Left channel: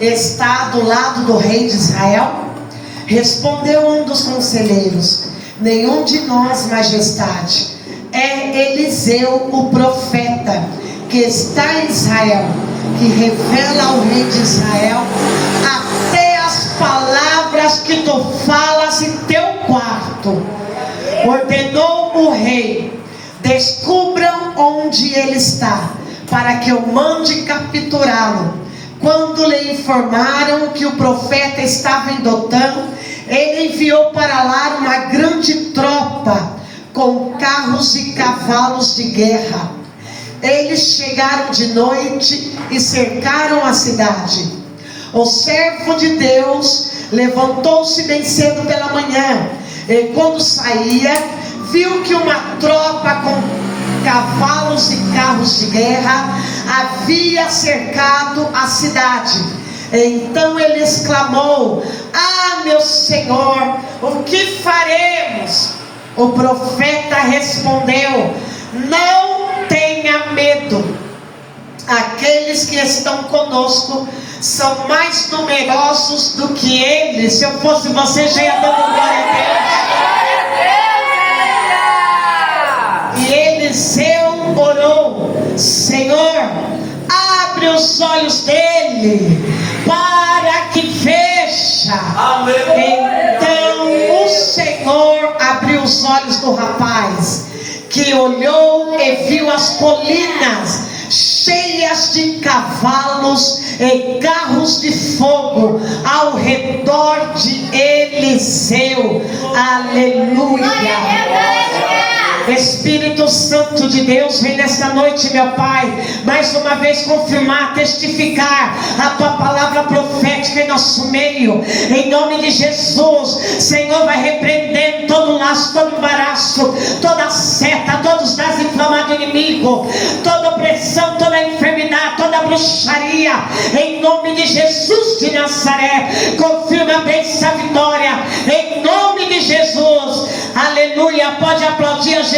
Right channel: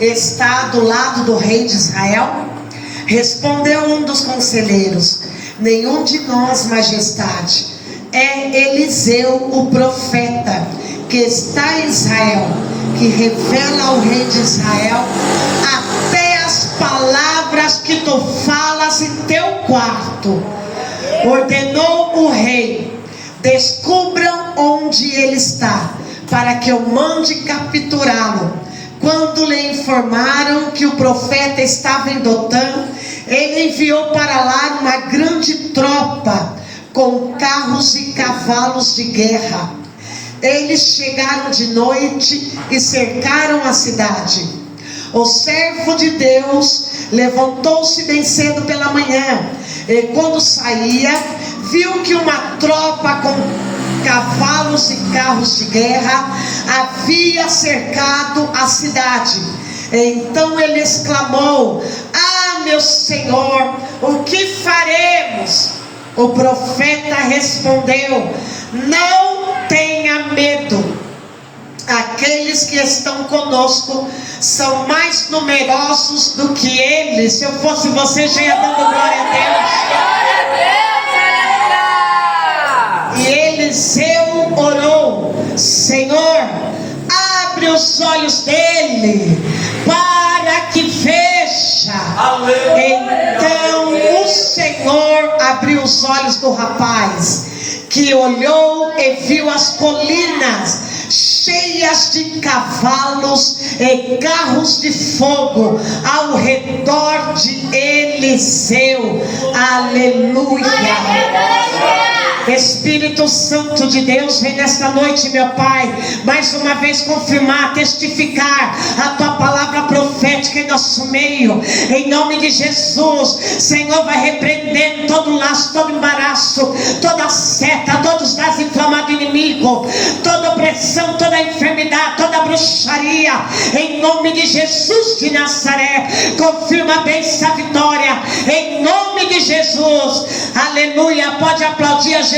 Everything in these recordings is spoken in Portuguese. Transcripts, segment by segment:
está do lado do rei de Israel? Respondeu um dos conselheiros: nenhum de nós, majestade. É Eliseu, o profeta, que está em Israel, que revela ao rei de Israel até as palavras que tu falas em teu quarto. Ordenou o rei: descubram onde ele está, para que eu mande capturá-lo. Quando lhe informaram que o profeta estava em Dotã, ele enviou para lá uma grande tropa com carros e cavalos de guerra. Eles chegaram de noite e cercaram a cidade. O servo de Deus levantou-se bem cedo pela manhã, e quando saía, viu que uma tropa com cavalos e carros de guerra havia cercado a cidade. Então ele exclamou: ah, meu senhor, o que faremos? O profeta respondeu: não tenha medo, aqueles que estão conosco são mais numerosos do que eles. Se eu fosse você, já ia dando glória a Deus. E Eliseu orou: Senhor, abre os olhos dele para que veja. Então o Senhor abriu os olhos do rapaz, que olhou e viu as colinas cheias de cavalos e carros de fogo ao redor de Eliseu. Aleluia. Espírito Santo de Deus, vem nesta noite, meu Pai, mais uma vez confirmar, testificar a Tua palavra profética em nosso meio, em nome de Jesus. Senhor, vai repreendendo todo laço, todo embaraço, toda seta, todos os dados inflamados do inimigo, toda opressão, toda enfermidade, toda bruxaria, em nome de Jesus de Nazaré. Confirma a bênção, a vitória, em nome de Jesus. Aleluia. Pode aplaudir a Jesus.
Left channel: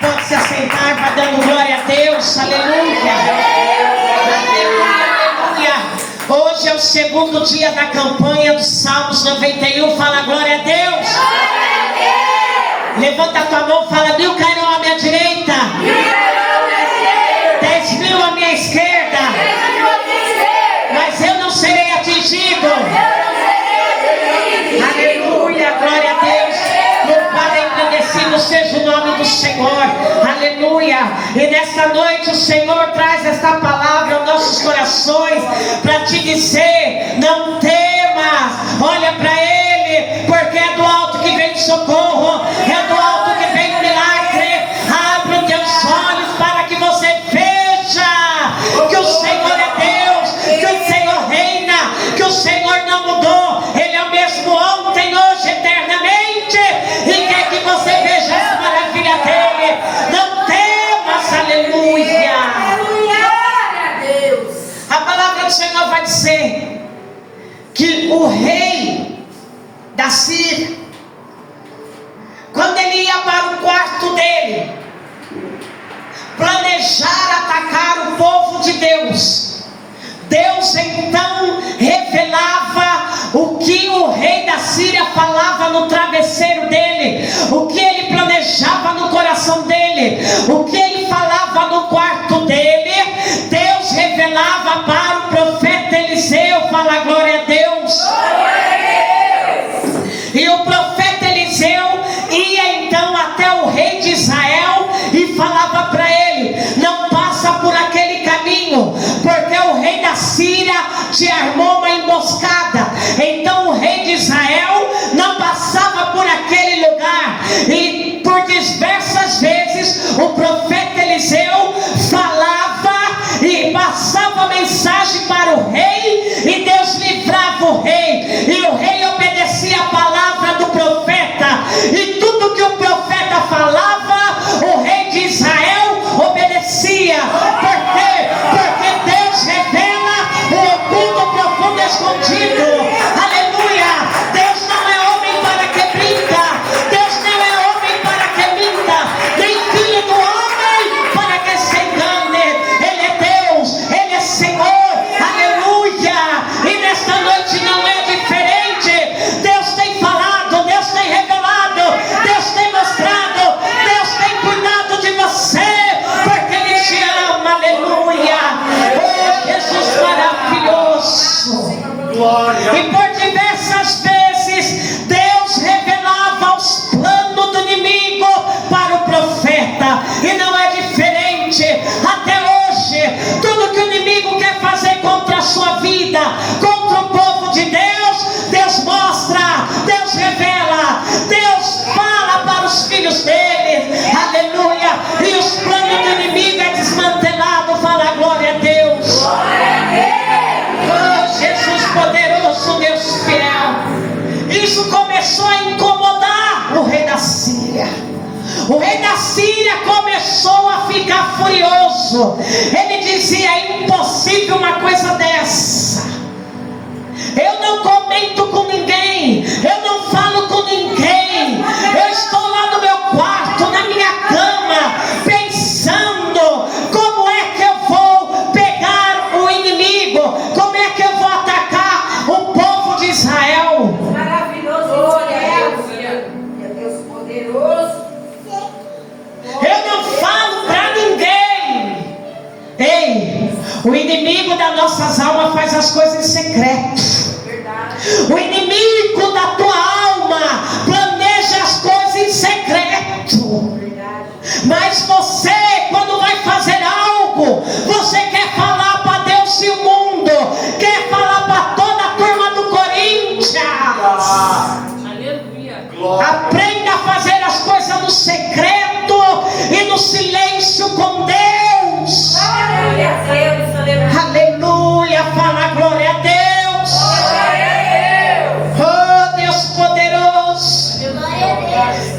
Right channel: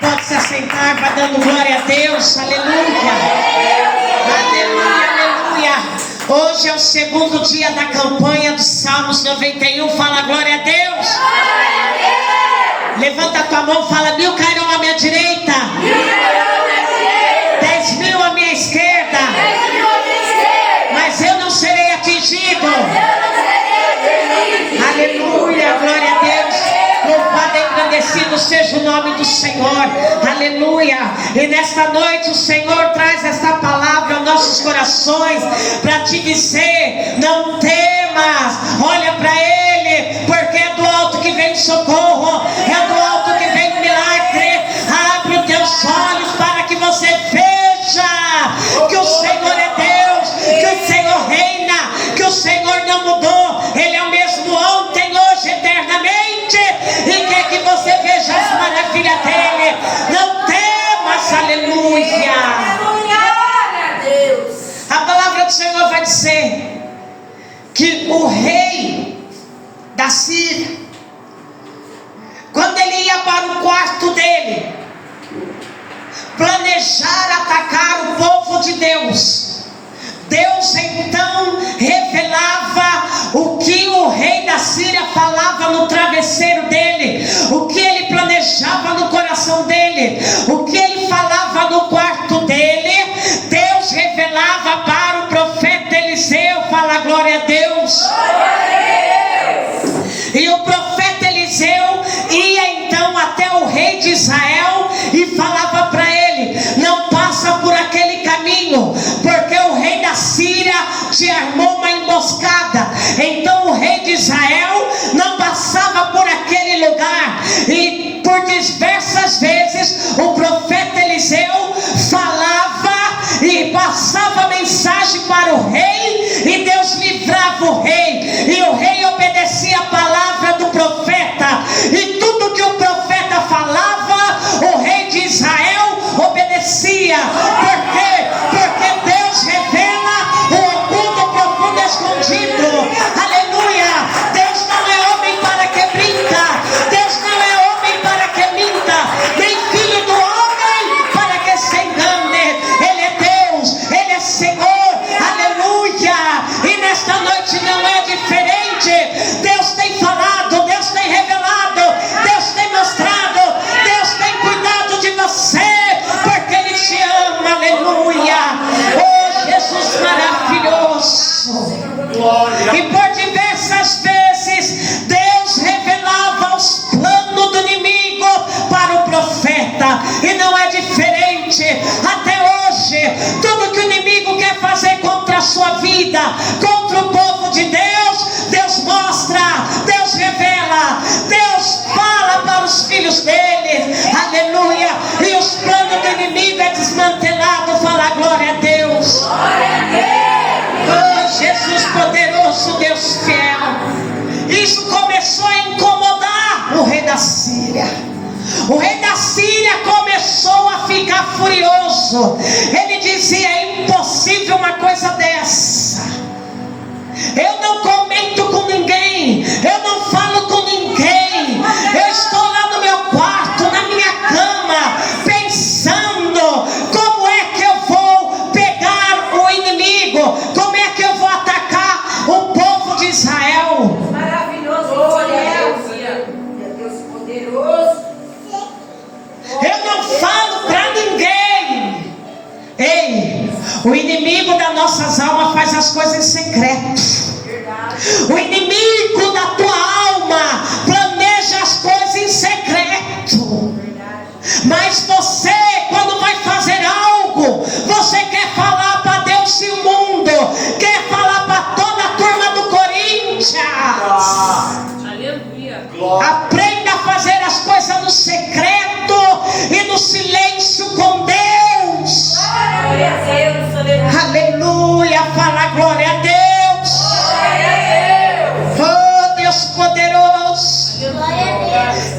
Pode se assentar, vai dando glória a Deus. Aleluia. Aleluia, aleluia. Hoje é o segundo dia da campanha dos Salmos 91. Fala glória a Deus. Levanta a tua mão, fala: 1000 cairão à minha direita, 10.000 à minha esquerda, mas eu não serei atingido. Aleluia, glória a Deus. Louvado e agradecido seja o nome do Senhor. Aleluia. E nesta noite o Senhor traz esta palavra aos nossos corações para te dizer: não temas, olha para Ele, porque é do alto que vem socorro, é do alto que vem milagre. Abre os teus olhos para que você veja que o Senhor é Deus, que o Senhor reina, que o Senhor não mudou. Ele é o mesmo ontem, hoje, eternamente, e quer que você veja as maravilhas dele. Não temas. Aleluia. A palavra do Senhor vai dizer que o rei da Síria, quando ele ia para o quarto dele planejar atacar o povo de Deus, Deus então revelava o que o rei da Síria falava no travesseiro dele, o que ele planejava no coração dele, o que ele falava no quarto dele. Deus revelava para o profeta Eliseu. Fala glória a Deus. E o profeta Eliseu ia então até o rei de Israel e falava para ele: não passa por aquele caminho, porque o rei da Síria te armou uma emboscada. Então o rei de Israel não passava por aquele lugar. E por diversas vezes o profeta Eliseu falava e passava mensagem para o rei, e Deus livrava o rei, e o rei obedecia a palavra do profeta, e tudo que o profeta falava, o rei de Israel obedecia. Por quê? Porque Deus revela o oculto, o profundo, escondido. Aleluia. Deus não é homem para que brinca, Deus não é homem aleluia, e os planos do inimigo é desmantelado. Fala glória a Deus. Oh, Jesus poderoso, Deus fiel. Isso começou a incomodar o rei da Síria. O rei da Síria começou a ficar furioso. Ele dizia: é impossível uma coisa dessa. Eu não comento com ninguém, eu não falo com ninguém. Eu estou lá no meu quarto, na minha cama, pensando como é que eu vou pegar o inimigo, como é que eu vou atacar o povo de Israel. Maravilhoso, Deus poderoso. Eu não falo para ninguém. Ei, o inimigo das nossas almas faz as coisas em secreto. O inimigo da tua alma planeja as coisas em secreto. Mas você, quando vai fazer algo, você quer falar para Deus e o mundo, quer falar para toda a turma do Corinthians. Aleluia. Aprenda a fazer as coisas no secreto e no silêncio com Deus. Aleluia, fala glória a Deus. Oh, Deus poderoso.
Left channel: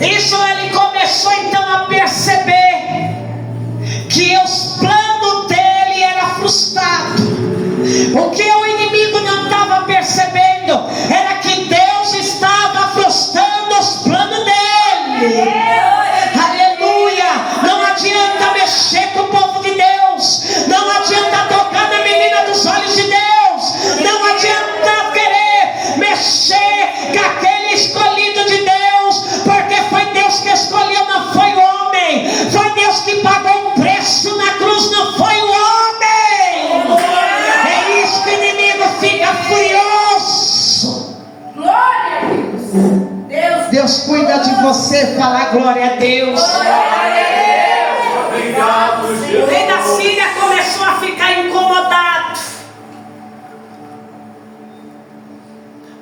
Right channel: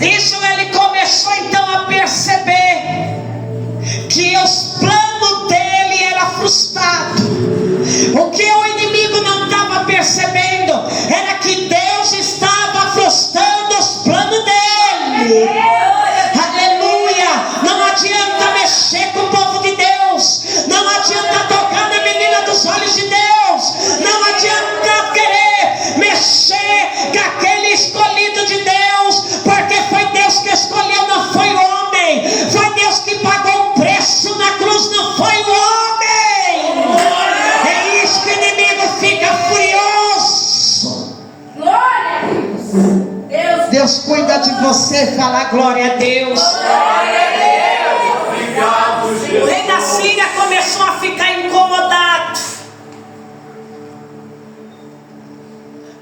Isso ele começou então a perceber que os planos dele eram frustrados. O que o inimigo não estava percebendo era que Deus estava frustrando os planos dele. Aleluia. Não adianta mexer com o povo de Deus. Não adianta tocar na menina dos olhos de Deus. Não adianta querer mexer com aquele escolhido de Deus, porque foi Deus que escolheu, não foi o homem. Foi Deus que pagou o preço na cruz, não foi o homem. É isso que o inimigo fica furioso. Glória a Deus. Deus cuida de você, fala glória a Deus. Obrigado, O Jesus. rei da Síria começou a ficar incomodado,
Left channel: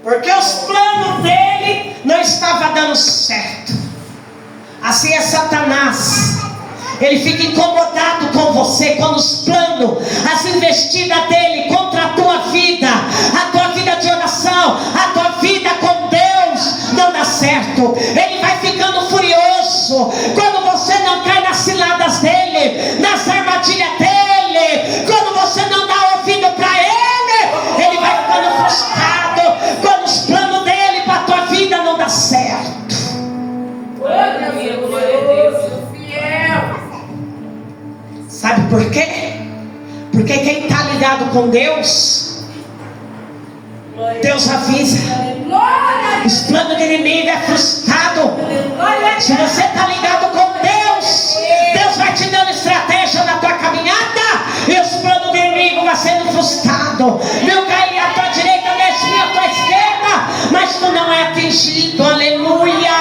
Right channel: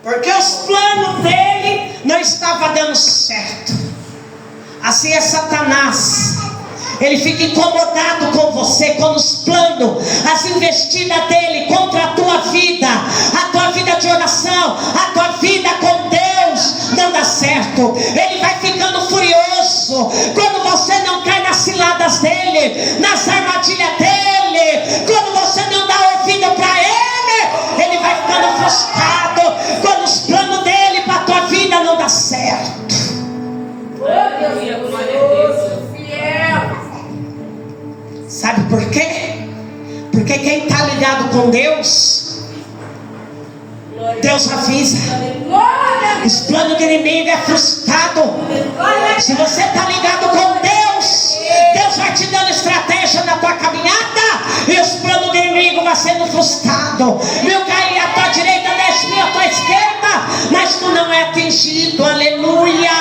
porque os planos dele não estavam dando certo. Assim é Satanás. Ele fica incomodado com você quando os planos, as investidas dele contra a tua vida de oração, a tua vida com Deus não dá certo. Ele vai ficando furioso quando você não cai nas ciladas dele, nas armadilhas dele. Quando você não dá ouvido para ele, ele vai ficando frustrado quando os planos dele para a tua vida não dá certo. Sabe por quê? Porque quem está ligado com Deus, Deus avisa. Os planos do inimigo é frustrado. Se você está ligado com Deus, Deus vai te dando estratégia na tua caminhada, e os planos do inimigo vão sendo frustrados. Mil caem à tua direita, 10 mil à tua esquerda, mas tu não é atingido. Aleluia.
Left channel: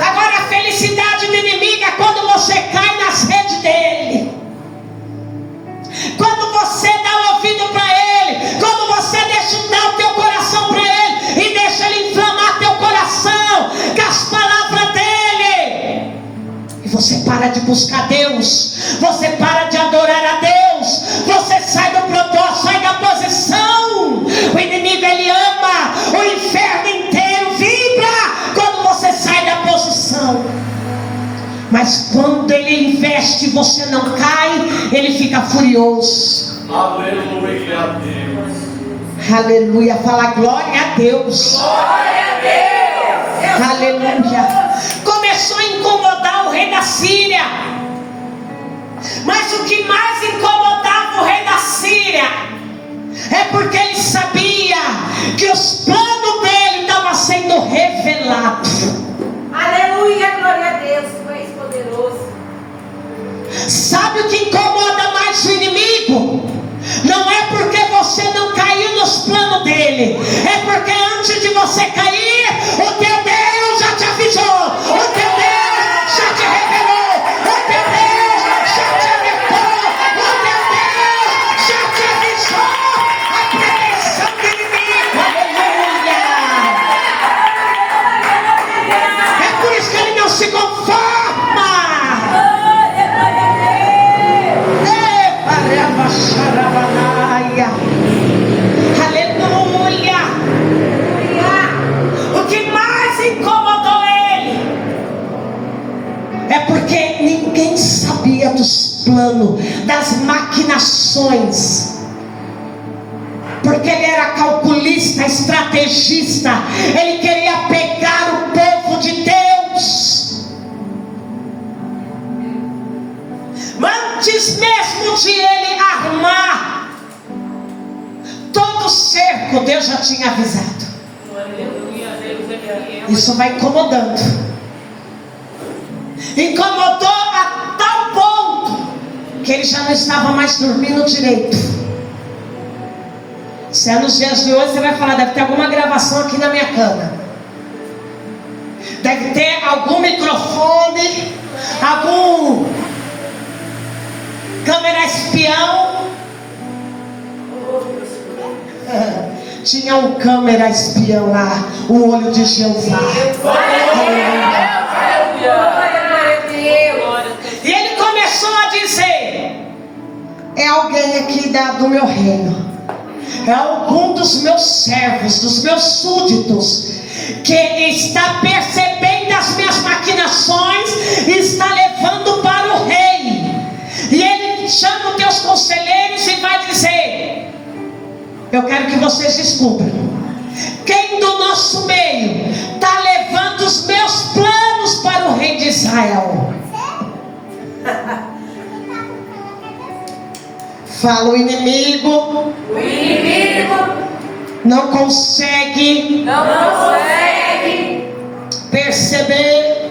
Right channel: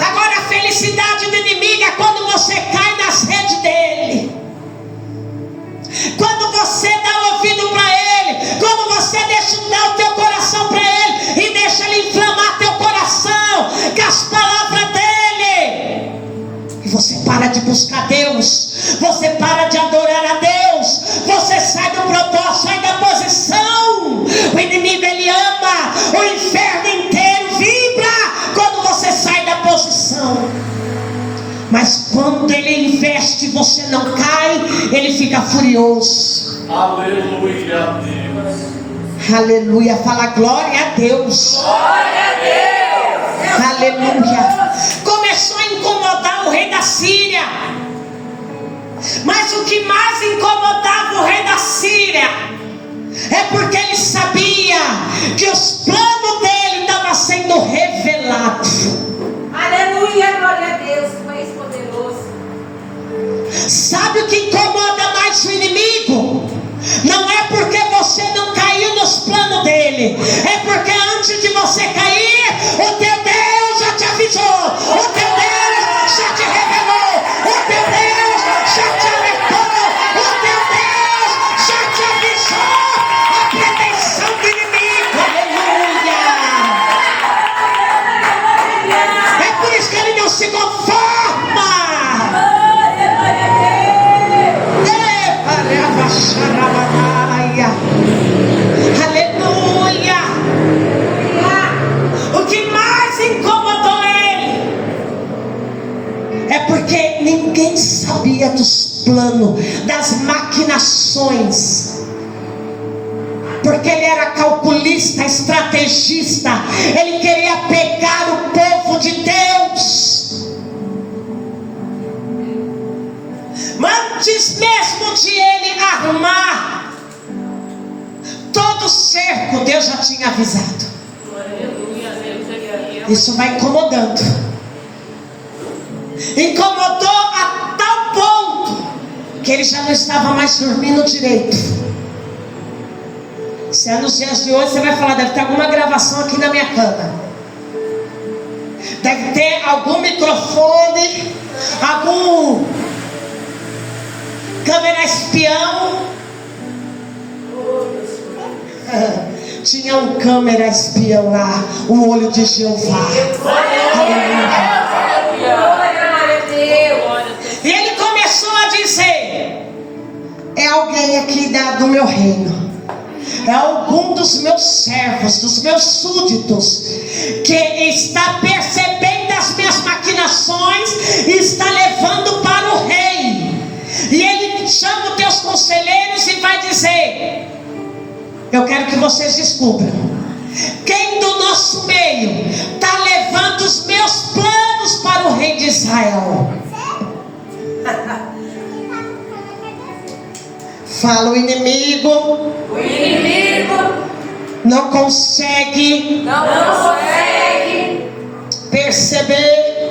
Agora a felicidade do inimigo é quando você cai nas redes dele, quando você dá ouvido para ele, quando você deixa dar o teu coração para ele e deixa ele inflamar teu coração com as palavras dele, e você para de buscar Deus, você para de adorar a Deus, você sai do propósito, sai da posição. O inimigo ele ama, o inferno inteiro vibra quando você sai da posição. Mas quando ele investe e você não cai, ele fica furioso. Aleluia a Deus. Aleluia, fala glória a Deus. Glória a Deus. Aleluia. Começou a incomodar o rei da Síria. Mas o que mais incomodava o rei da Síria é porque ele sabia que os planos dele estavam sendo revelados. Aleluia, glória a Deus, tu és poderoso. Sabe o que incomoda mais o inimigo? Não é porque você não caiu nos planos dele, é porque antes de você cair, o teu Deus já te avisou, o teu Deus já te revelou, o teu Deus já te alertou, o teu Deus já te avisou a pretensão do inimigo. Aleluia. plano, das maquinações. Porque ele era calculista, estrategista. Ele queria pegar o povo de Deus. Antes mesmo de ele armar todo o cerco, Deus já tinha avisado. Isso vai incomodando. Incomodou a tal ponto que ele já não estava mais dormindo direito. Se é nos dias de hoje, você vai falar: deve ter alguma gravação aqui na minha cama, deve ter algum microfone, algum câmera espião. Tinha um câmera espião lá, o olho de Jeová. E ele começou a dizer: é alguém aqui do meu reino, é algum dos meus servos, dos meus súditos, que está percebendo as minhas maquinações e está levando para o rei. E ele chama os teus conselheiros e vai dizer: eu quero que vocês descubram quem do nosso meio está levando os meus planos para o rei de Israel. Fala: o inimigo não consegue perceber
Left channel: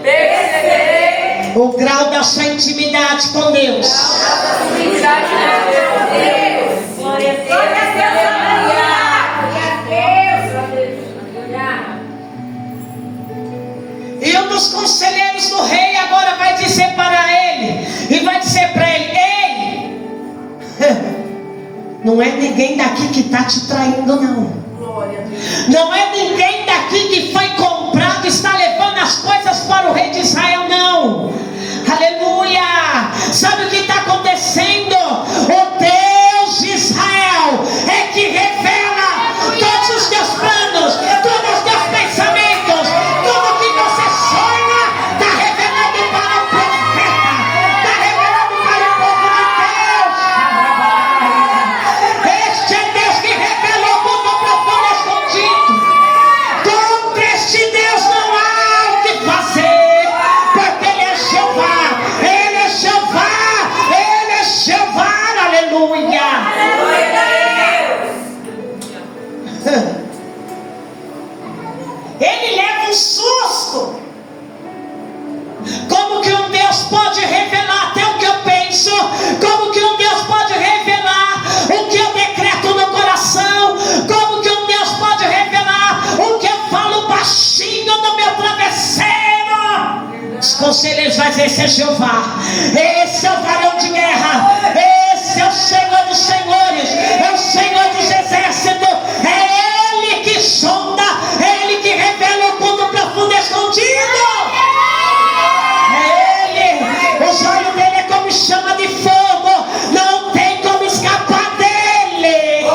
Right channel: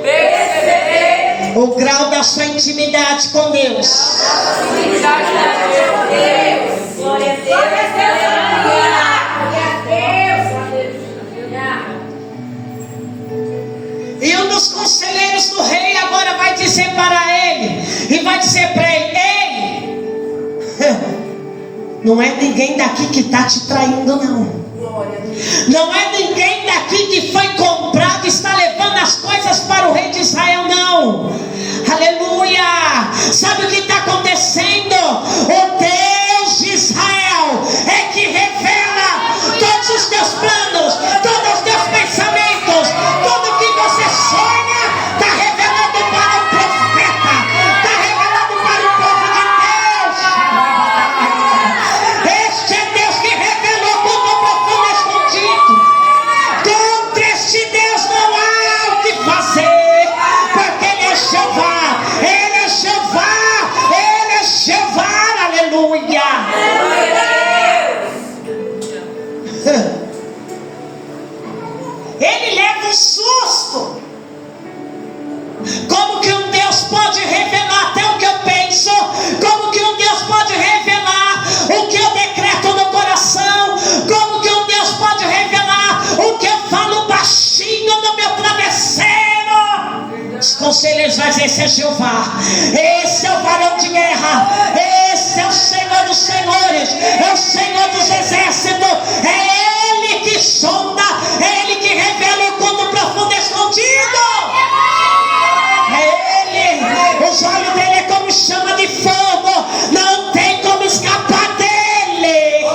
o grau da sua intimidade com Deus. Glória a Deus. E um dos conselheiros do rei agora vai dizer para ele, e vai dizer para ele: ei, não é ninguém daqui que está te traindo, não. Não é ninguém daqui que foi comprado e está levando as coisas para o rei de Israel, não. Aleluia. Sabe o que está acontecendo? O Deus de Israel é que revela todos os teus planos, todos os teus pensamentos, tudo que você sonha, está revelando para o profeta, está revelando para o povo de Deus. Este é Deus que revelou tudo profundo escondido. Contra este Deus não há o que fazer, porque Ele é Jeová, Ele é Jeová, Ele é Jeová. Aleluia. Ele leva um susto. Como que um Deus pode revelar até o que eu penso? Como que um Deus pode revelar o que eu decreto no coração? Como que um Deus pode revelar o que eu falo baixinho no meu travesseiro? Os conselheiros vão dizer: esse é Jeová, esse é o varão de guerra, esse é o Senhor dos senhores, é o Senhor dos exércitos, é Ele que sonda, é Ele que revela o culto profundo escondido. É Ele, os olhos dele é como chama de fogo, não tem como escapar dele.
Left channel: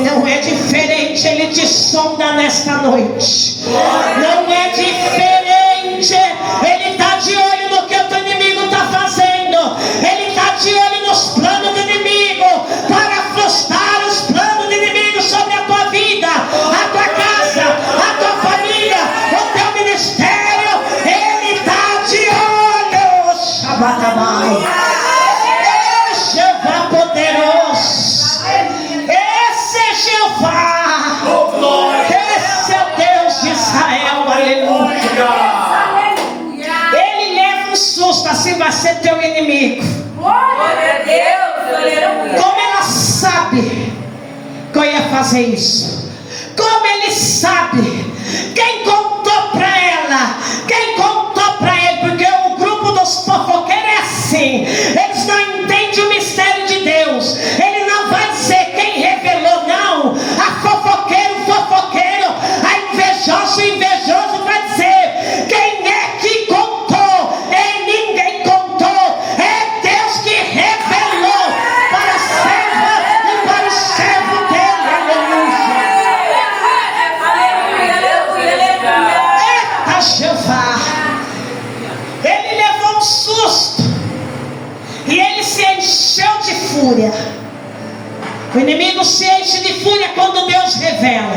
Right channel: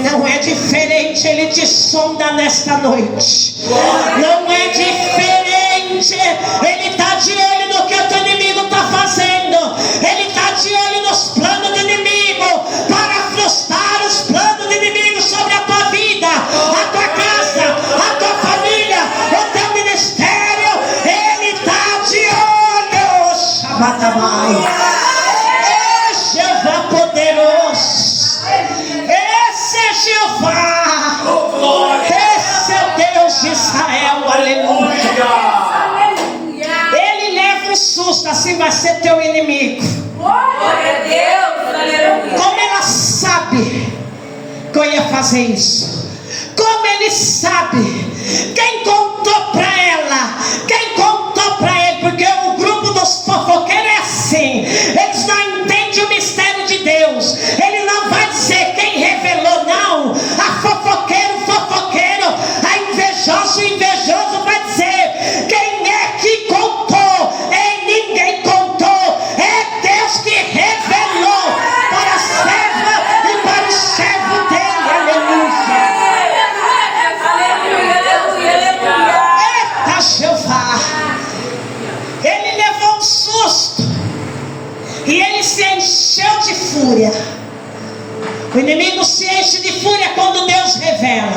Não é diferente, Ele te sonda nesta noite. Não é diferente, Ele está de olho no que o teu inimigo está fazendo. Ele está de olho nos planos do inimigo, para frustrar os planos do inimigo sobre a tua vida, a tua casa, a tua família, o teu ministério. Ele está de olho. Shabatabai. É Jeová poderoso. Esse é Jeová. Esse é o Deus de Israel. Aleluia. Ele leva um susto, assim vai ser teu inimigo. Glória a Deus. Aleluia. Como ela sabe que eu ia fazer isso? Como ele sabe? Quem contou para ela? Quem contou para ele? Porque o grupo dos fofoqueiros é assim. Eles não entendem o mistério de Deus. Ele não vai dizer quem revelou, não. A fofoqueiro, a invejoso, vai dizer quem é que contou. É ninguém contou. É Deus que revelou para a serva e para o servo dele. Aleluia. Eita Jeová. se enche de fúria quando Deus revela.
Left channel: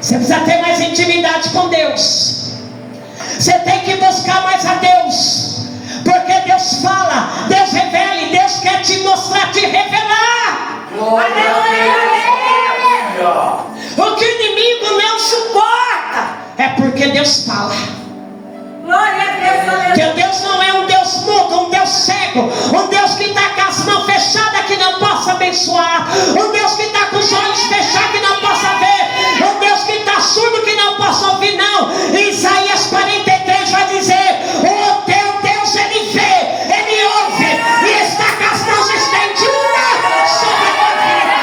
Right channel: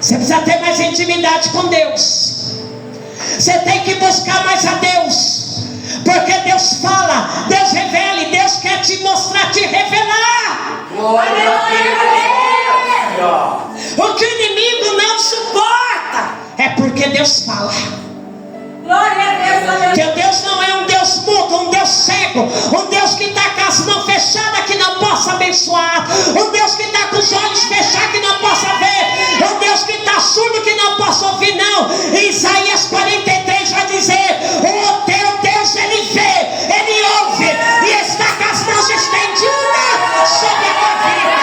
Você precisa ter mais intimidade com Deus. Você tem que buscar mais a Deus. Porque Deus fala, Deus revela, e Deus quer te mostrar, te revelar. O que o inimigo não suporta é porque Deus fala. Glória a Deus. Teu Deus não é um Deus mudo, um Deus cego, um Deus que está com as mãos fechadas que não possa abençoar, um Deus que está com os olhos fechados que não possa ver, um Deus que está surdo que não possa ouvir. Não, Isaías 43 vai dizer: o teu Deus, ele vê, ele ouve e está com as mãos estendidas sobre a tua vida.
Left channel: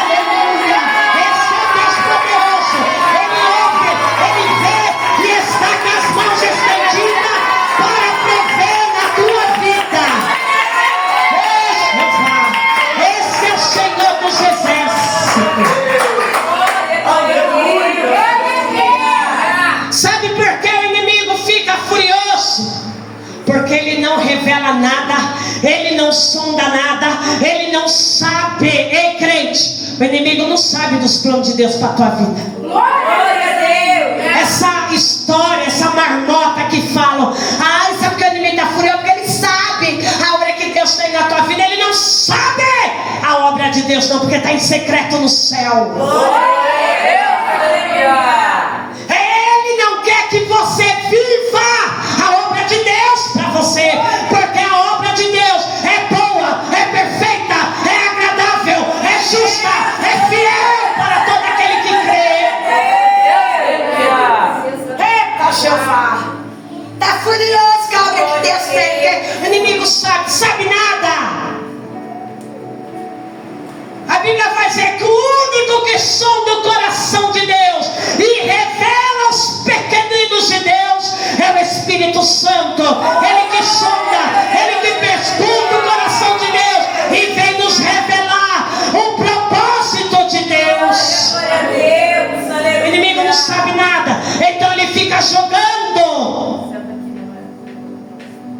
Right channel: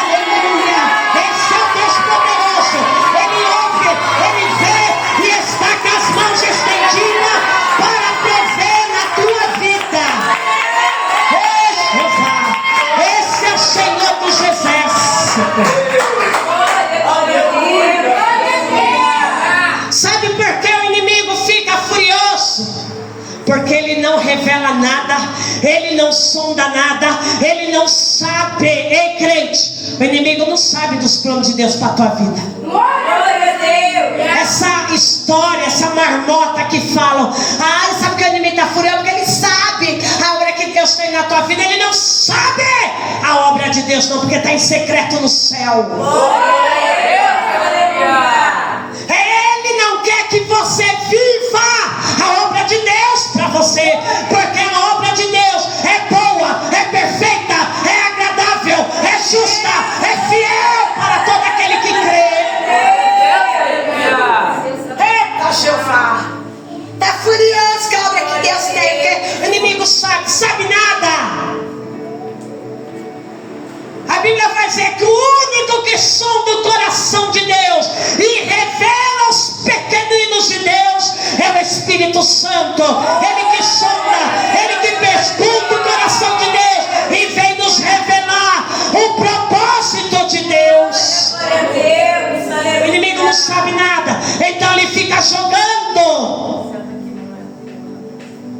Aleluia! Esse é o Deus poderoso, ele ouve, ele vê e está com as mãos estendidas para prover na tua vida. Esse é o Senhor dos exércitos. Sabe por que o inimigo fica furioso? Porque ele não revela nada, ele não sonda nada, ele não sabe. Ei, crente, o inimigo não sabe dos planos de Deus para a tua vida. Glória a Deus. Essa história, essa marmota que falam: ai, sabe que o inimigo está furioso? Porque ele sabe a obra que Deus tem na tua vida. Ele não sabe a obra de Deus, não, porque está em secreto no céu. Ele não quer que você viva a obra de Deus para você, porque a obra de Deus é boa, é perfeita, é agradável, é justa, é fiel para todo aquele que crê. Eita, Jeová, está furioso com a obra que Deus tem. O inimigo sabe nada. A Bíblia vai dizer que o único que sonda o coração de Deus e revela os pequeninos de Deus é o Espírito Santo. Ele que sonda, ele que perscruta o coração de Deus e vem nos revelar o propósito de Deus. O inimigo não sabe nada, então ele fica jogando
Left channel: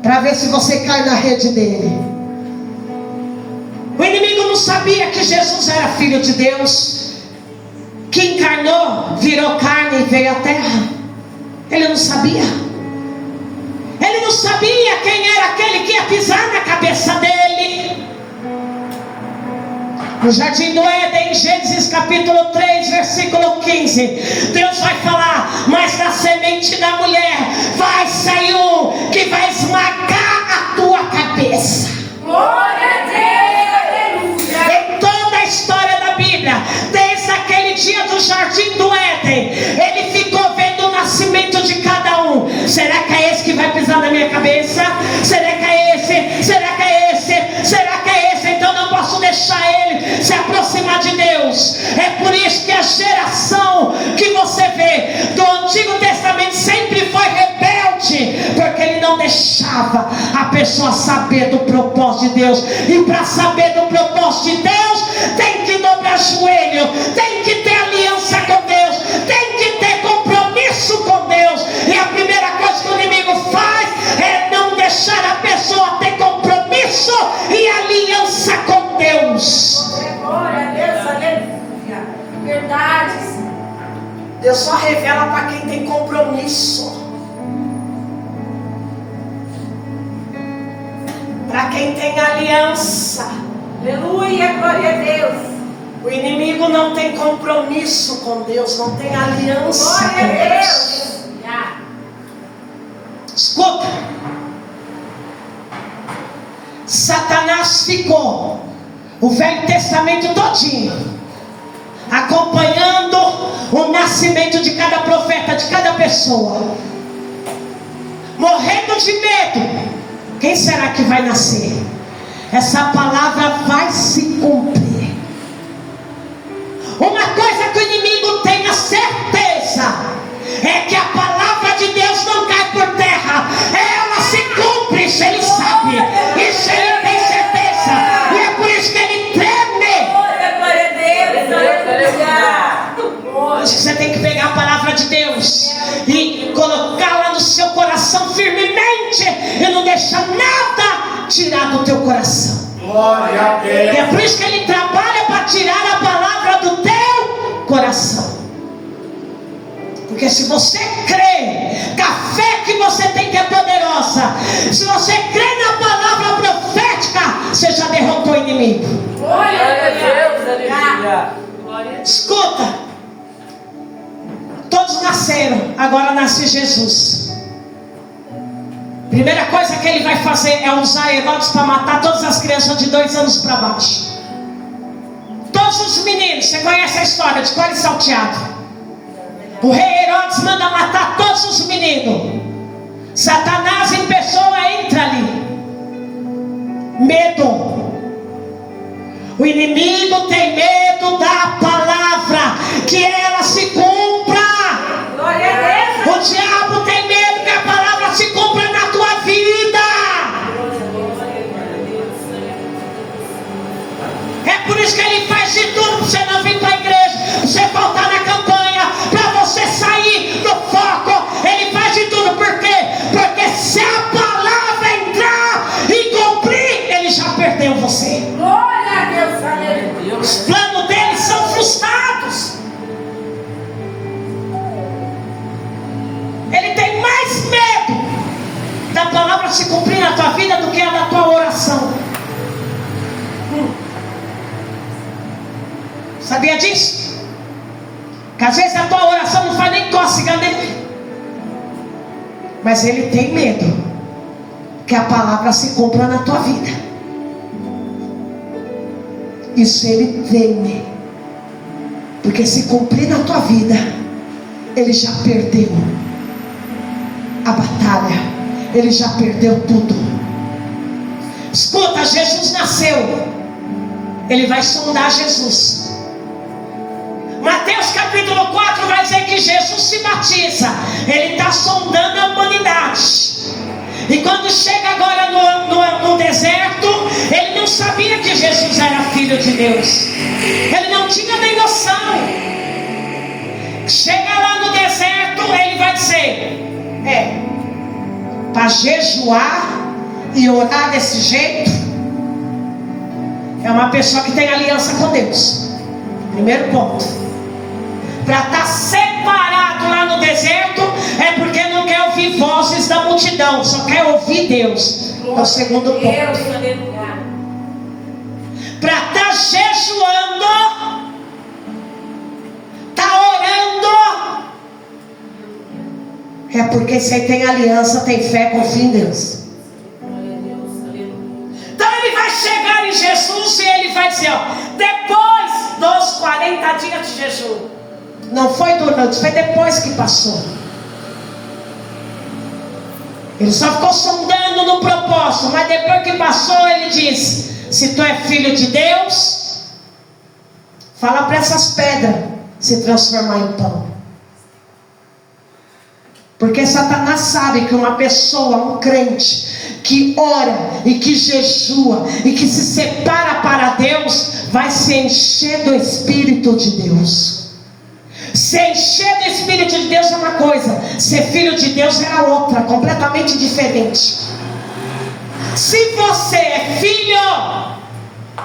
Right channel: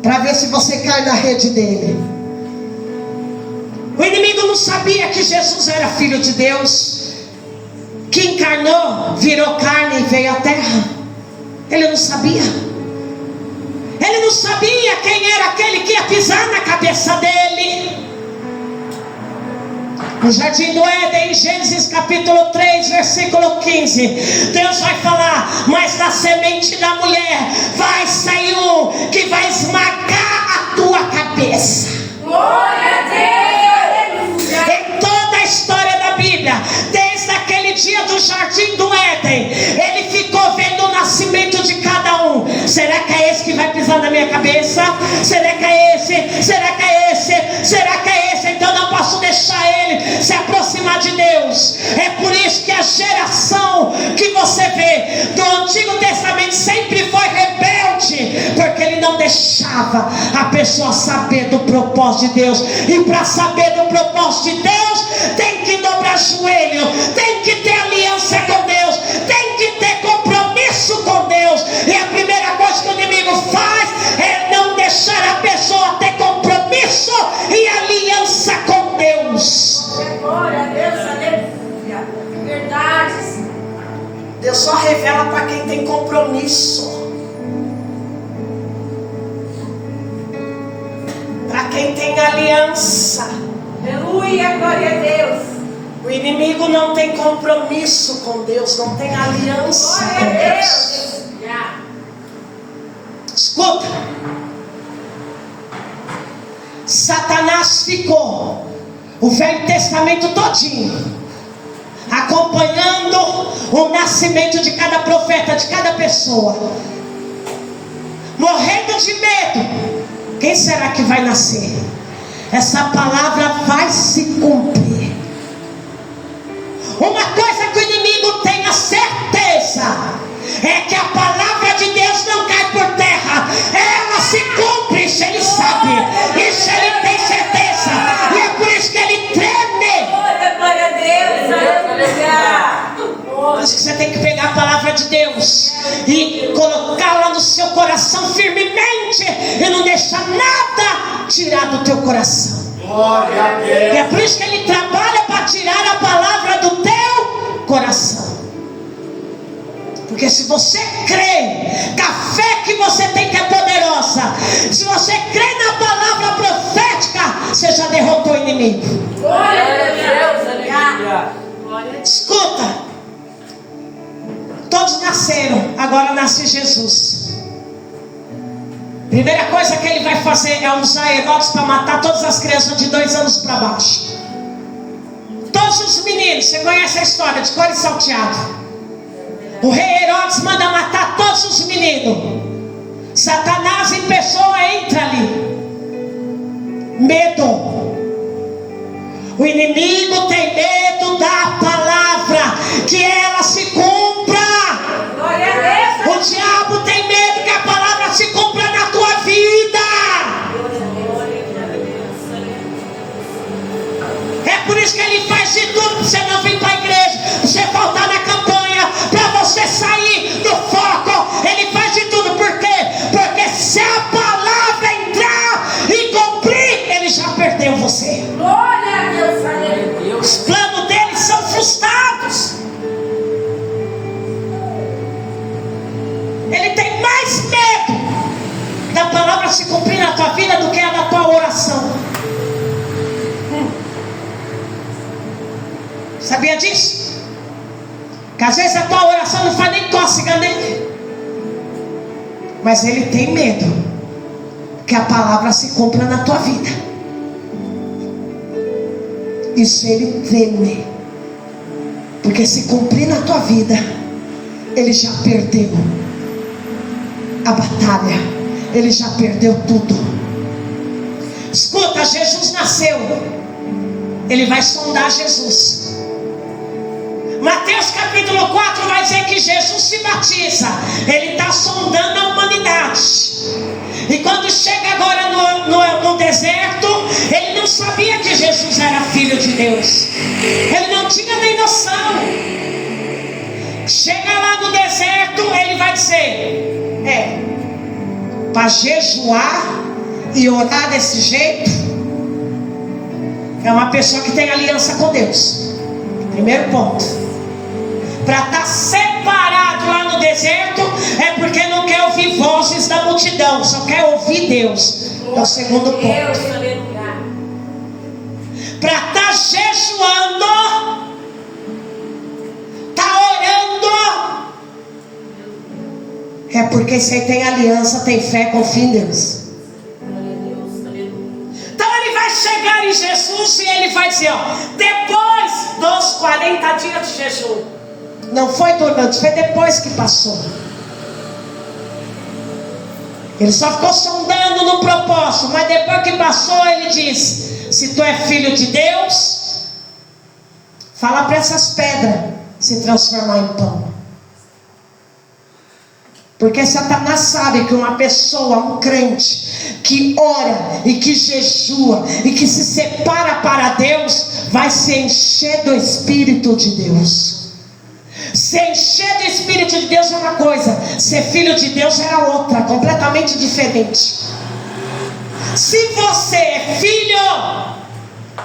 para ver se você cai na rede dele. O inimigo não sabia que Jesus era filho de Deus, que encarnou, virou carne e veio à terra. Ele não sabia. Ele não sabia quem era aquele que ia pisar na cabeça dele. No jardim do Éden, em Gênesis capítulo 3, versículo 15, Deus vai falar: mas na semente da mulher vai sair um que vai esmagar a tua cabeça. Glória a Deus. Em toda a história da Bíblia, desde aquele dia do jardim do Éden, ele ficou vendo o nascimento de cada um. Será que é esse que vai pisar na minha cabeça? Será que é esse? Será que é esse? Será que é esse? Então não posso deixar ele se aproximar de Deus. É por isso que a geração que você vê do Antigo Testamento sempre foi rebelde, porque ele não deixava a pessoa saber do propósito de Deus. E para saber do propósito de Deus, tem que dobrar joelho, tem que ter aliança com Deus, tem que ter compromisso com Deus. E a primeira coisa que o inimigo faz é não deixar a pessoa ter compromisso e aliança com Deus. Glória a Deus, aleluia. Verdades. Deus só revela para quem tem compromisso, para quem tem aliança. Aleluia, glória a Deus. O inimigo não tem compromisso com Deus, não tem aliança Glória com a Deus. Deus. Escuta, Satanás ficou o Velho Testamento todinho acompanhando o nascimento de cada profeta, de cada pessoa, morrendo de medo. Quem será que vai nascer? Essa palavra vai se cumprir. Uma coisa que o inimigo tem a certeza é que a palavra de Deus não cai por terra, ela se cumpre. Isso ele sabe, isso ele tem certeza, e é por isso que ele treme. Glória a Deus, aleluia. Por isso que você tem que pegar a palavra de Deus e colocá-la no seu coração firmemente e não deixar nada tirar do teu coração. Glória a E Deus. é por isso que ele trabalha para tirar a palavra do teu coração. Porque se você crê que a fé que você tem que é poderosa, se você crê na palavra profética, você já derrotou o inimigo. Glória a Deus. Aleluia. Escuta, todos nasceram, agora nasce Jesus. Primeira coisa que ele vai fazer é usar Herodes para matar todas as crianças de 2 anos para baixo. Todos os meninos, você conhece a história de cor e salteado. O rei Herodes manda matar todos os meninos. Satanás em pessoa entra ali. Medo. O inimigo tem medo da palavra, que ela se cumpra. Glória a Deus. O diabo tem medo que a palavra se cumpra na tua vida. É por isso que ele faz de tudo para você não vir para a igreja, para você faltar na campanha, para você sair do foco. Ele faz de tudo. Por quê? Porque se a palavra entrar e cumprir, ele já perdeu você. Glória a Deus. Aleluia. Os planos dele são frustrados. Ele tem mais medo da palavra se cumprir na tua vida do que a da tua oração. Sabia disso? Que às vezes a tua oração não faz nem cócega nele, mas ele tem medo que a palavra se cumpra na tua vida. Isso ele teme, porque se cumprir na tua vida, ele já perdeu a batalha, ele já perdeu tudo. Escuta, Jesus nasceu, ele vai sondar Jesus. Mateus capítulo 4 vai dizer que Jesus se batiza, ele está sondando a humanidade. E quando chega agora no deserto, ele não sabia que Jesus era filho de Deus, ele não tinha nem noção. Chega lá no deserto, ele vai dizer: para jejuar e orar desse jeito, é uma pessoa que tem aliança com Deus. Primeiro ponto. Para estar separado lá no deserto, é porque não quer ouvir vozes da multidão, só quer ouvir Deus. É o segundo ponto. Para estar jejuando, orando, é porque você tem aliança, tem fé, confia em Deus. Então ele vai chegar em Jesus e ele vai dizer: depois dos 40 dias de jejum, não foi durante, foi depois que passou. Ele só ficou sondando no propósito, mas depois que passou, ele disse: se tu é filho de Deus, fala para essas pedras se transformar em pão. Porque Satanás sabe que uma pessoa, um crente, que ora e que jejua e que se separa para Deus, vai se encher do Espírito de Deus. Se encher do Espírito de Deus é uma coisa, ser filho de Deus é a outra, completamente diferente. Se você é filho,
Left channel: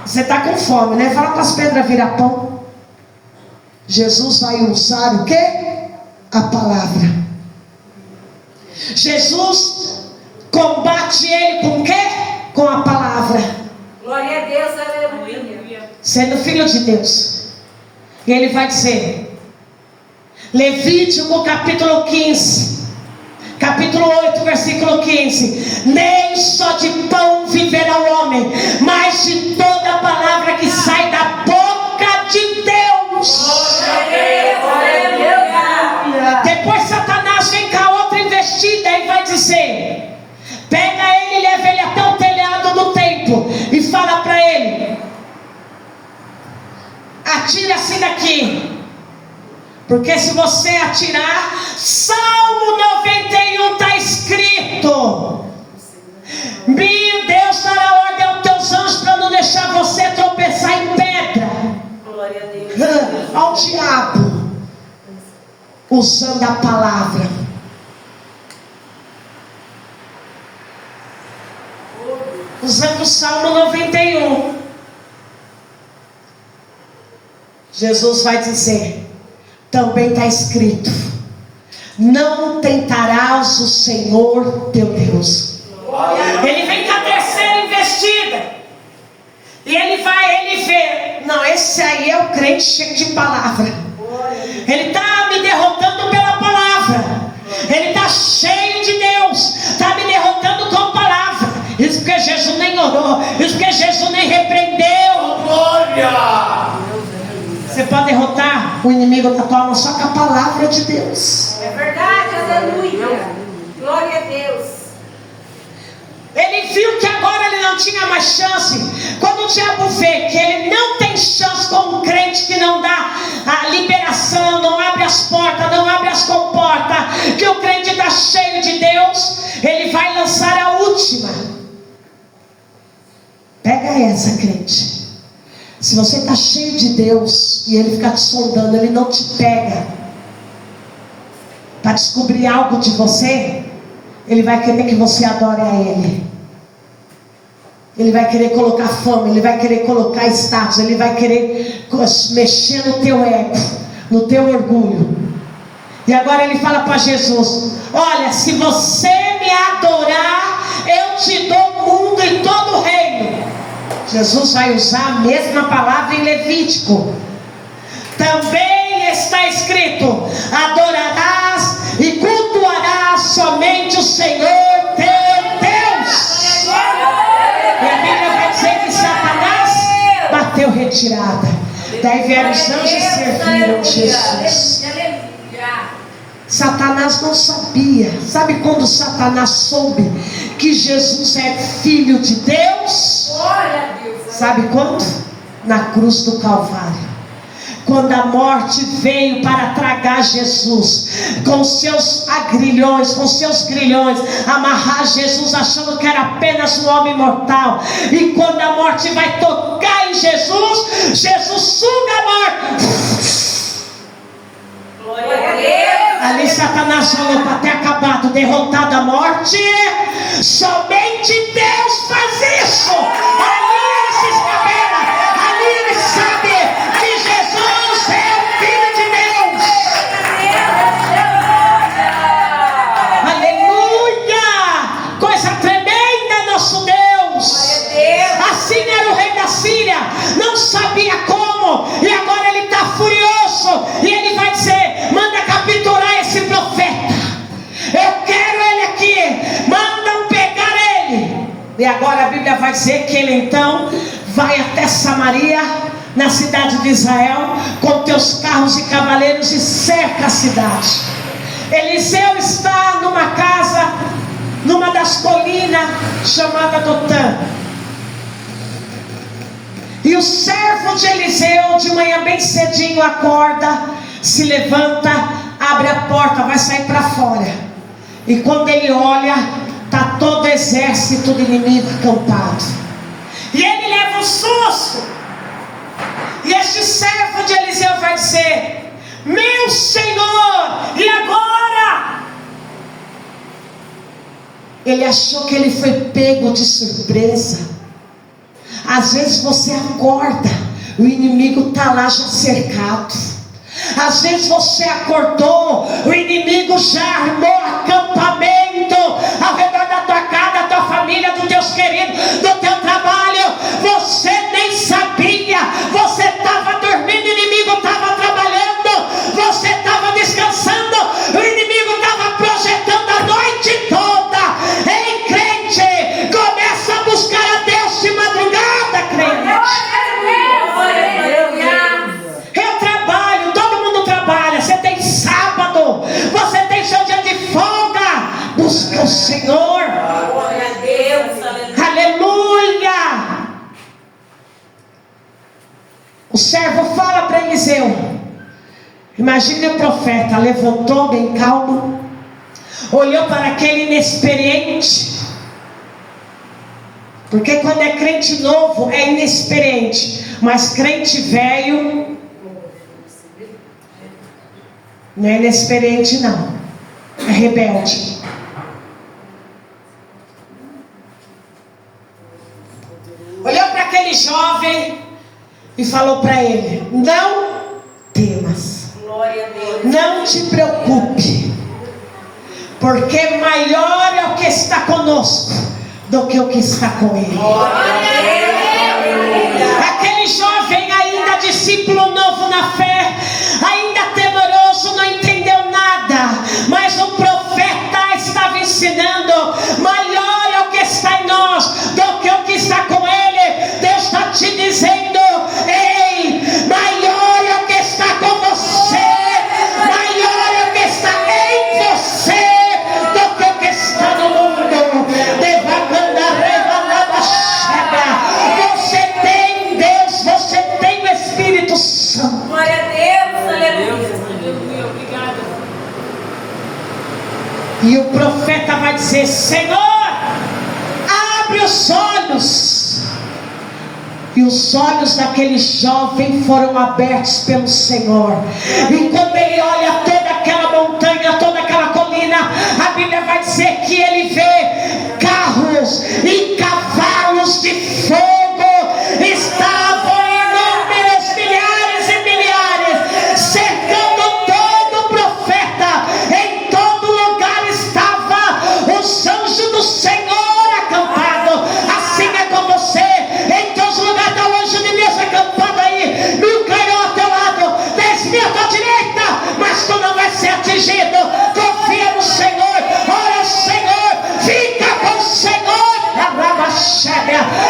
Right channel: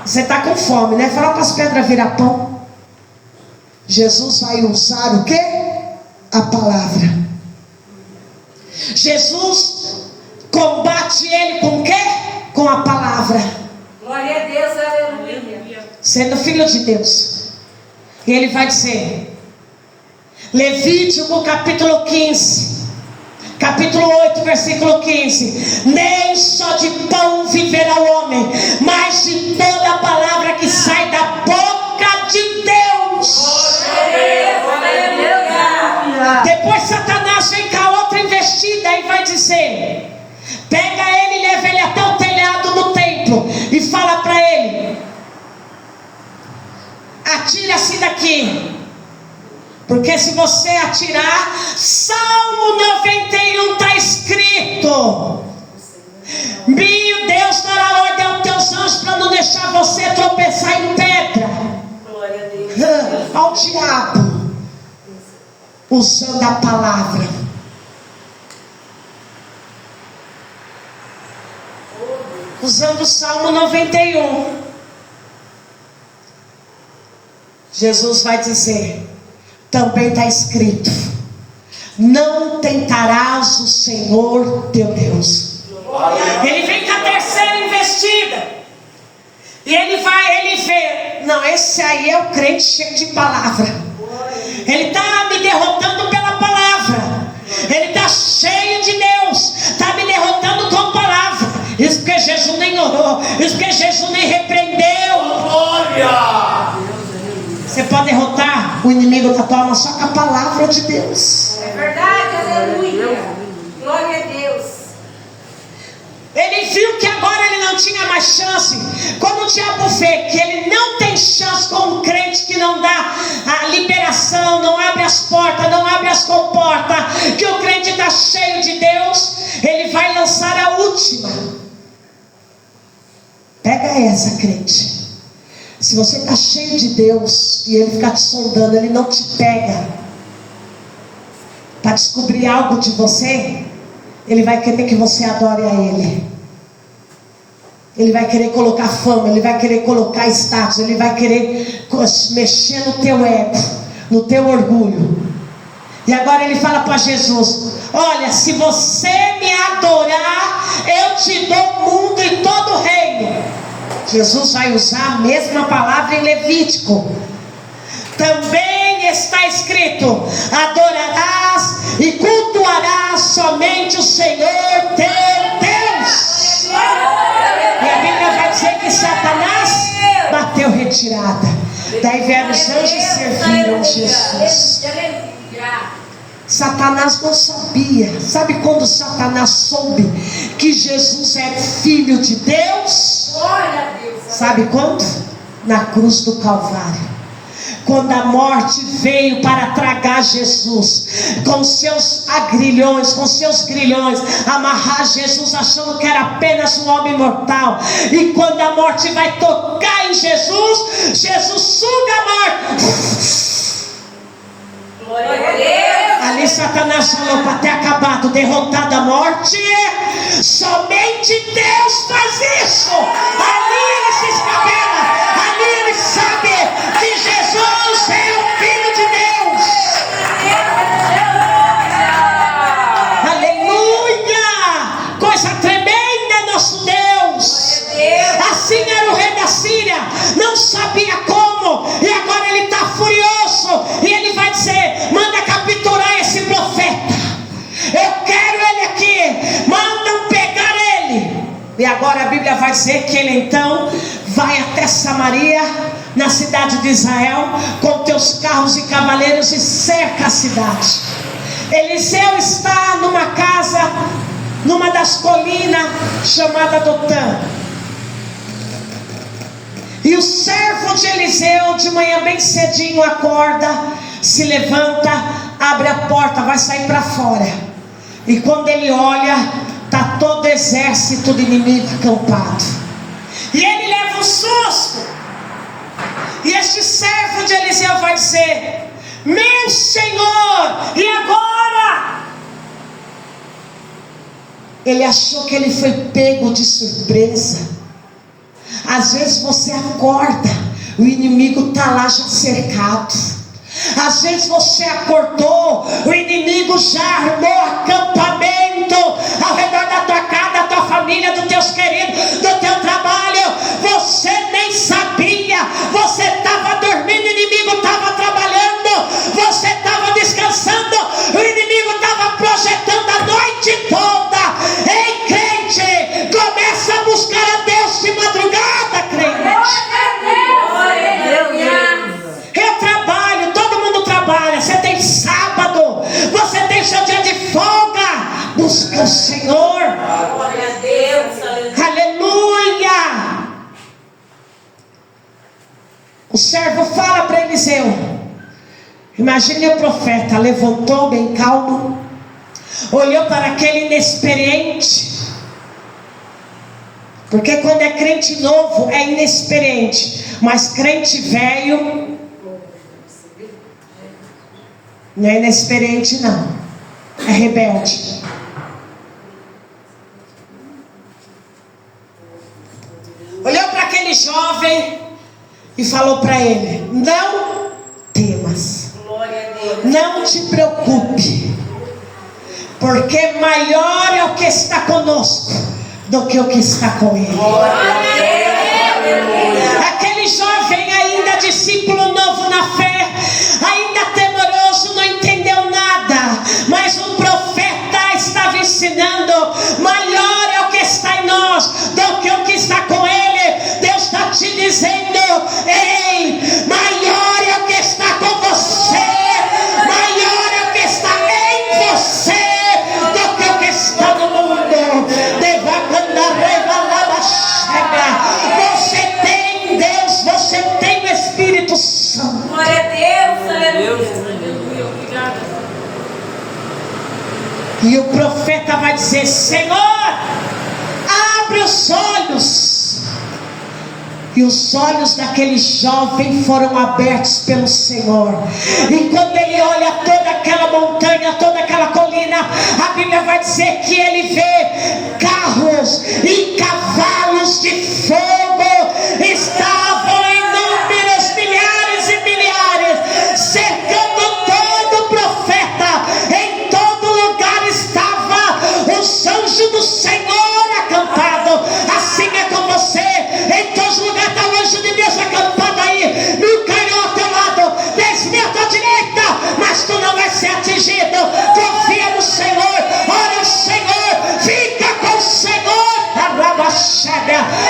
você está com fome, né? Fala para as pedras virar pão. Jesus vai usar o quê? A palavra. Jesus combate ele com o quê? Com a palavra. Glória a Deus, aleluia. Sendo filho de Deus. E ele vai dizer, Levítico capítulo 15, capítulo 8, versículo 15: nem só de pão viverá o homem, mas de toda a palavra que sai da boca de Deus. Depois Satanás vem com a outra investida e vai dizer: pega ele e leva ele até o telhado do templo e fala para ele: atira-se daqui. Porque se você atirar, Salmo 91 está escrito: meu Deus dará ordem aos teus anjos para não deixar você tropeçar em pedra. Glória a Deus. Ao diabo usando a palavra. usando o Salmo 91. Jesus vai dizer, também está escrito, não tentarás o Senhor teu Deus. Ele vem com a terceira investida. E ele vê, não, esse aí é o crente cheio de palavra. Ele está me derrotando pela palavra. Ele está cheio de Deus, está me derrotando com palavra. Isso porque Jesus nem orou, isso porque Jesus nem repreendeu. Glória! Você pode derrotar o inimigo da tua alma só com a palavra de Deus. É verdade, aleluia. Glória a Deus. Ele viu que agora ele não tinha mais chance. Quando o diabo vê que ele não tem chance com um crente que não dá a liberação, não abre as portas, não abre as comportas, que o crente está cheio de Deus, ele vai lançar a última. Pega essa, crente. Se você está cheio de Deus e ele ficar te sondando, ele não te pega para descobrir algo de você, ele vai querer que você adore a ele. Ele vai querer colocar fama, ele vai querer colocar status, ele vai querer mexer no teu ego, no teu orgulho. E agora ele fala para Jesus, olha, se você me adorar, eu te dou o mundo e todo o reino. Jesus vai usar a mesma palavra em Levítico. Também está escrito, adorarás e cultuarás somente o Senhor teu Deus. E a Bíblia vai dizer que Satanás bateu retirada. Daí vieram os anjos e serviram Jesus. Satanás não sabia. Sabe quando Satanás soube que Jesus é filho de Deus? Sabe quando? Na cruz do Calvário. Quando a morte veio para tragar Jesus, com seus grilhões, amarrar Jesus, achando que era apenas um homem mortal. E quando a morte vai tocar em Jesus, Jesus suga a morte. Glória a Deus. Ali Satanás falou, para ter acabado, derrotada a morte, somente Deus faz isso. Ali ele se escabela, ali ele sabe que Jesus é o Filho de Deus. Aleluia! Coisa tremenda, nosso Deus. Assim era o rei da Síria, não sabia como, e agora ele está furioso, e ele vai dizer, manda capturar esse profeta, eu quero ele aqui, mandam pegar ele. E agora a Bíblia vai dizer que ele então vai até Samaria, na cidade de Israel, com teus carros e cavaleiros, e cerca a cidade. Eliseu está numa casa, numa das colinas, chamada Dotã. E o servo de Eliseu, de manhã bem cedinho, acorda, se levanta, abre a porta, vai sair para fora. E quando ele olha, está todo o exército do inimigo acampado. E ele leva um susto. E este servo de Eliseu vai dizer, meu Senhor, e agora? Ele achou que ele foi pego de surpresa. Às vezes você acorda, o inimigo está lá já cercado. Às vezes você acordou, o inimigo já armou acampamento ao redor da tua casa, da tua família, dos teus queridos, do teu trabalho. Você nem sabia, você estava dormindo, o inimigo estava trabalhando, você estava descansando, o inimigo estava projetando a noite toda. Ei, crente, começa a buscar a Deus de madrugada, crente. Eu trabalho, todo mundo trabalha. Você tem sábado, você tem seu dia de folga. Busca o Senhor. Glória a Deus. Aleluia. O servo fala para Eliseu. Imagine o profeta, levantou bem calmo, olhou para aquele inexperiente. Porque quando é crente novo é inexperiente, mas crente velho não é inexperiente não, é rebelde. e falou para ele: não temas, não te preocupe, porque maior é o que está conosco do que o que está com ele. Aquele jovem, ainda discípulo novo na fé, ainda temoroso, não entendeu nada, mas o profeta estava ensinando: maior é o que está em nós do que o que está com ele. Deus está te dizendo: ei, maior é o que está com você, maior é o que está em você do que o que está no mundo. Você tem Deus, você tem o Espírito Santo. Glória a Deus, aleluia. Obrigada. E o profeta vai dizer: Senhor, abre os olhos. E os olhos daquele jovem foram abertos pelo Senhor. E quando ele olha toda aquela montanha, toda aquela colina, a Bíblia vai dizer que ele vê carros e cavalos de fogo. Estavam inúmeros, milhares e milhares, cercando todo o profeta. Em todo lugar estava os anjos do Senhor acampados. Assim é com você. Em todos os lugares está o anjo de Deus acampado aí. 1000 cairão ao teu lado, 10.000 à tua direita, mas tu não vai ser atingido. Confia no Senhor, ora ao Senhor, fica com o Senhor.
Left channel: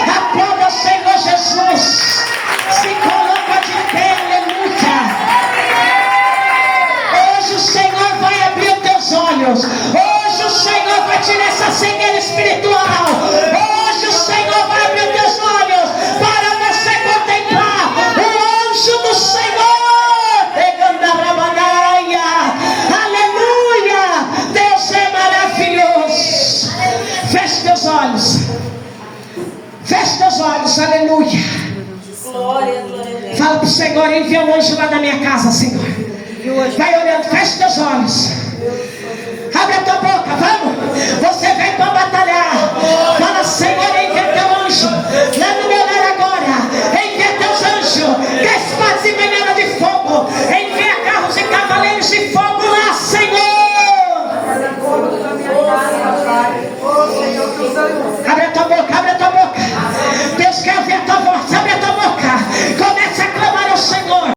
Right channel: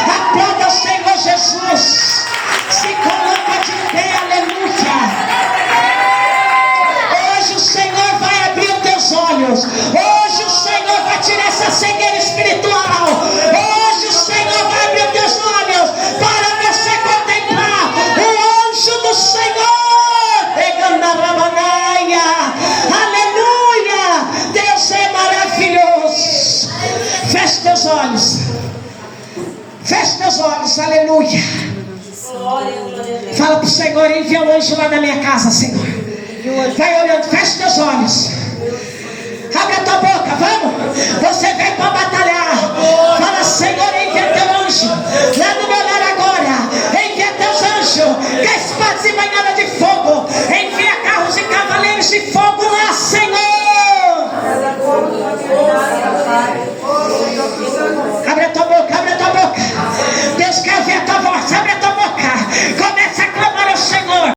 Aplauda o Senhor Jesus. Se coloca de pé, aleluia. Hoje o Senhor vai abrir os teus olhos. Hoje o Senhor vai tirar essa cegueira espiritual. Hoje o Senhor vai abrir os teus olhos para você contemplar o anjo do Senhor pegando a rabanaia. Aleluia. Deus é maravilhoso. Feche teus olhos. Feche teus olhos. Aleluia. Fala para o Senhor: envia um anjo lá na minha casa, Senhor. Vai olhando, feche teus olhos. Abre a tua boca, vamos. Você vem para batalhar. Fala: Senhor, envia teu anjo lá no meu lar agora. Envia teus anjos, que espadas e banhada de fogo.